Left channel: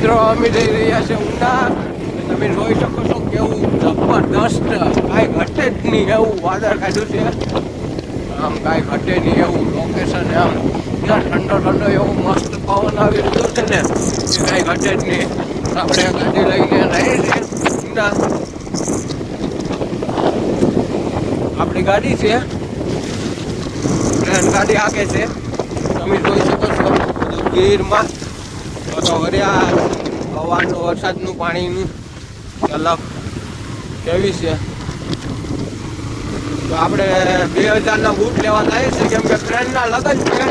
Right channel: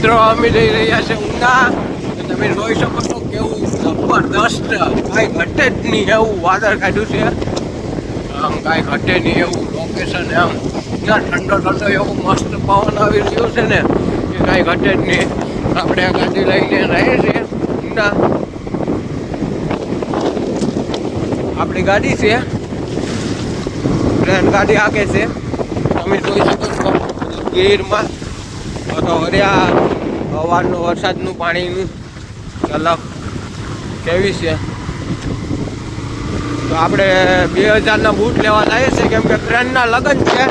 મિત્રો અમે જઈ રહ્યા છે ઊના. તમે જોઈ શકો છો કેવું જબરદસ્ત, કાંઈ ઘટે જ નહીં એવું વાદળ કાઢ્યું છે. આમ કાંઈ ઘટે નહીં એવું લોકેશન. આમ ઠંડો ઠંડો એવો મસ્ત પવન આવી રહ્યો છે ને કે કાંઈ ઘટે જ નહીં. આપણે ગાડી લઈને રહીએ છીએ ઊના. આપણી ગાડી છે, ટ્રેન ગાડી આગે છે. તમે જોઈ શકો છો ગીરમાં તો હર્યા હવાનું વરસાદનું પાણીનું ઝલક કેવી છે. તો આપણે 2000ના બૂટ લેવા જઈએ છીએ કેમ કે ટ્રેનના લગન છે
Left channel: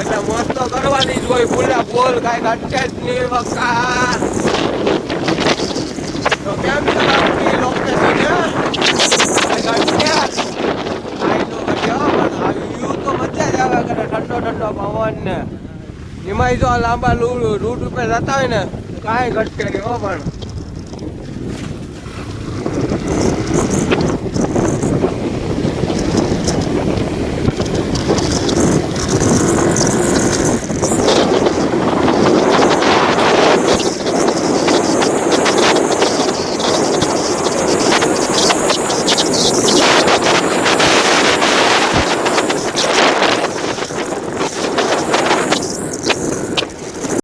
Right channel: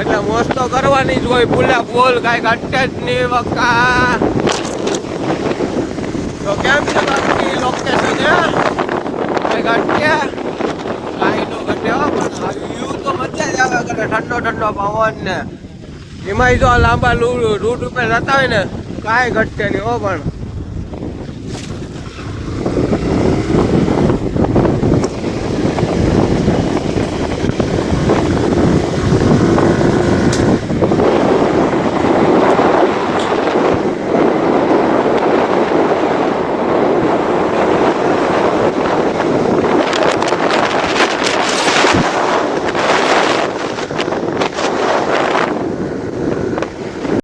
એટલે મોજ તો કરવાની જ હોય. બોલ્યા બોલ કાંઈ ઘટે જ નહીં વકા. તો કેમ છે બાકી લોકેશન? કાંઈ ઘટે કાંઈ નો ઘટે પણ વ્યૂ તો મજા જ આવે કરે. ઠંડો ઠંડો પવન ને એમાંય જો લાંબા રૂટ ઉપર જતા હોય ને કાંઈ ઘટે નહીં હો. પણ